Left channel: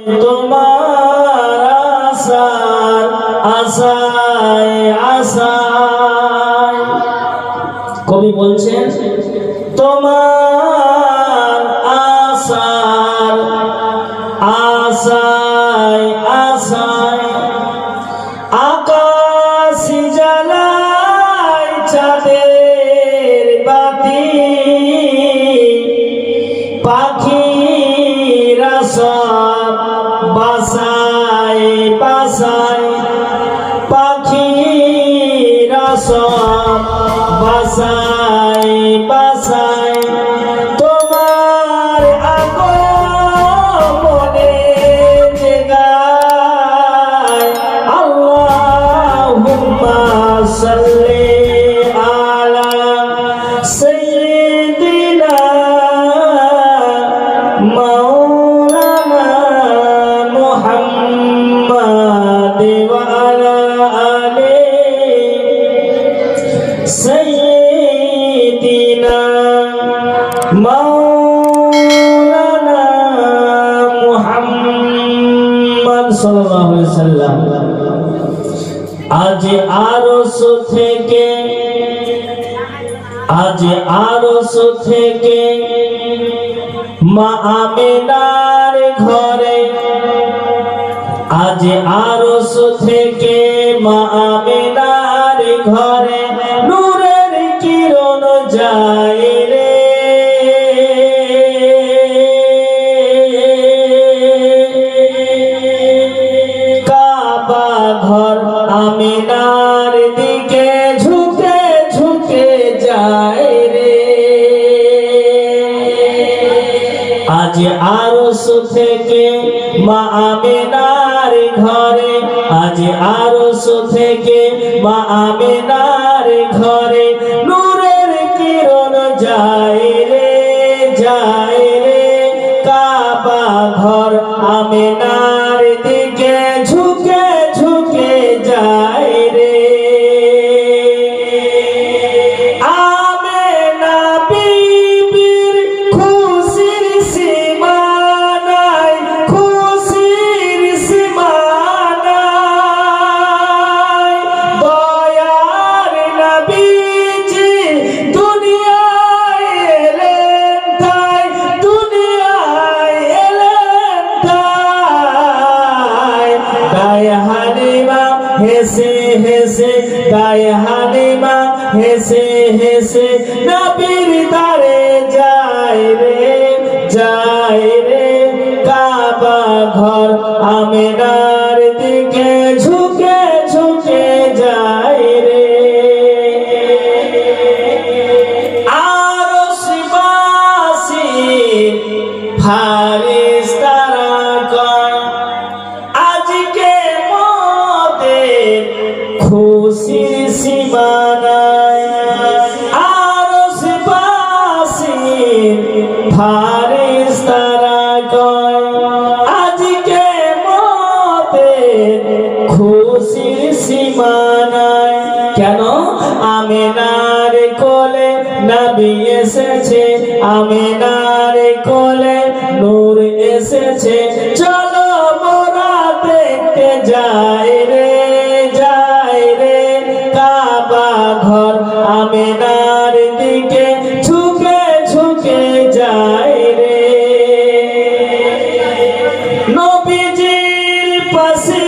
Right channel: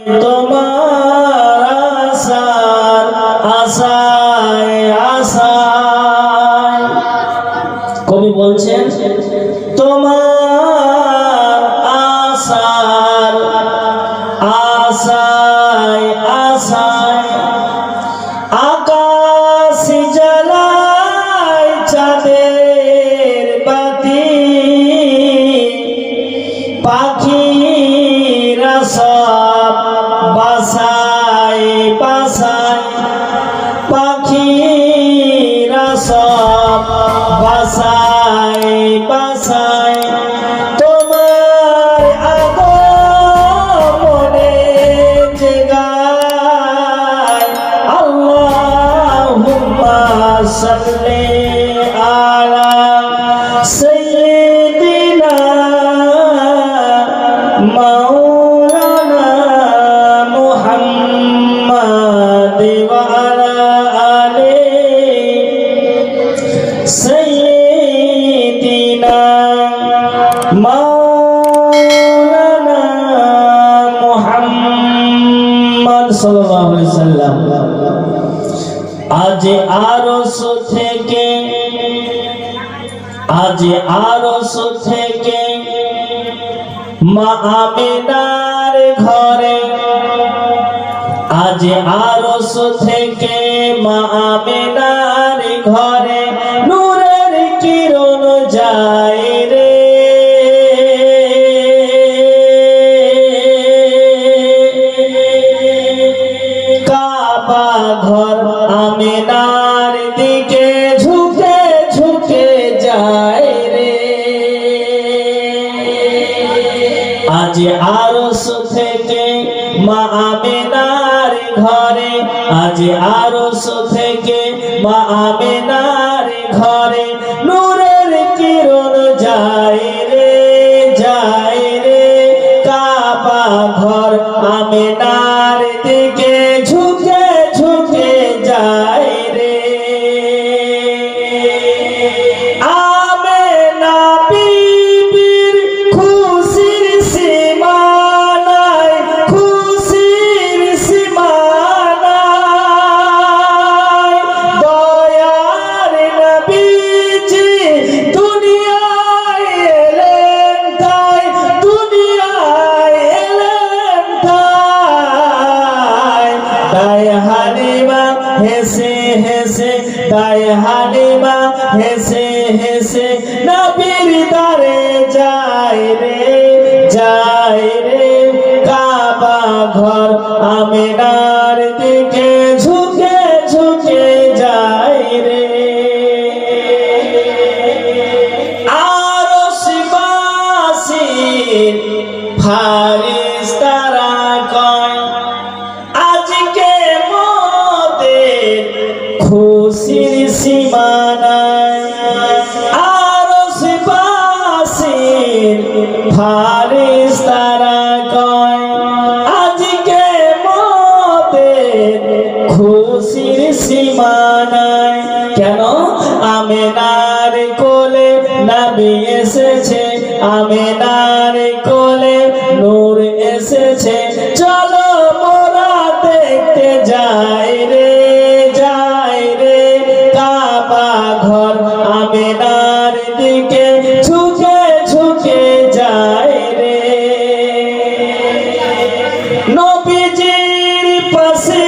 তোমার আশার আশায় আশায় কবি বলছেন তোমার আশার আশায় আশায় আকাশ জ্বালায় চাঁদের বাতি পাখিরা সব বাসায় বাসায় পাখিরা সব বাসায় বাসায় তোমার আগমনে জেগায় আল্লাহুম্মা সাল্লি আলা সাইয়্যিদিনা মাওলানা মুহাম্মাদ ওয়া আলা আলি সাইয়্যিদিনা মাওলানা মুহাম্মদ সাল্লাল্লাহু আলাইহি সাল্লাম। আজ আরশ থেকে মা আমিনার ঘরে আজ আরশ থেকে মা আমিনার ঘরে নূরের কিরণ যায় রে কাবা ঘর আমিনার দিকে ঝুঁকে ঝুঁকে যায় রে আজ আরশ থেকে মা আমিনার ঘরে আজ আরশ থেকে মা আমিনার ঘরে নূরের কিরণ যায় রে কাবা ঘর আমিনার দিকে ঝুঁকে ঝুঁকে যায় রে আমিনা বিবির খুশির সীমা নাই খুশির সীমা নাই দয়ার নবীজি দুনিয়ায় এলেন তাই তাই হালিমা হেসে হেসে তাই হালিমা হেসে হেসে নবীর দারে যায় রে কাবা ঘর আমিনার দিকে ঝুঁকে ঝুঁকে যায় রে আরশবাসীর ফারিস্তারা কয় আজকে মোদের খুশির সীমা নাই আরশবাসীর ফারিস্তারা কয় আজকে মোদের খুশির সীমা নাই কেন আমিনার কোলে নবী এসেছে আমিনার কোলে নূর এসেছে চলো মোরা দেখতে যাই রে কাবা ঘর আমিনার দিকে ঝুঁকে ঝুঁকে যায় রে নবীজির পাশে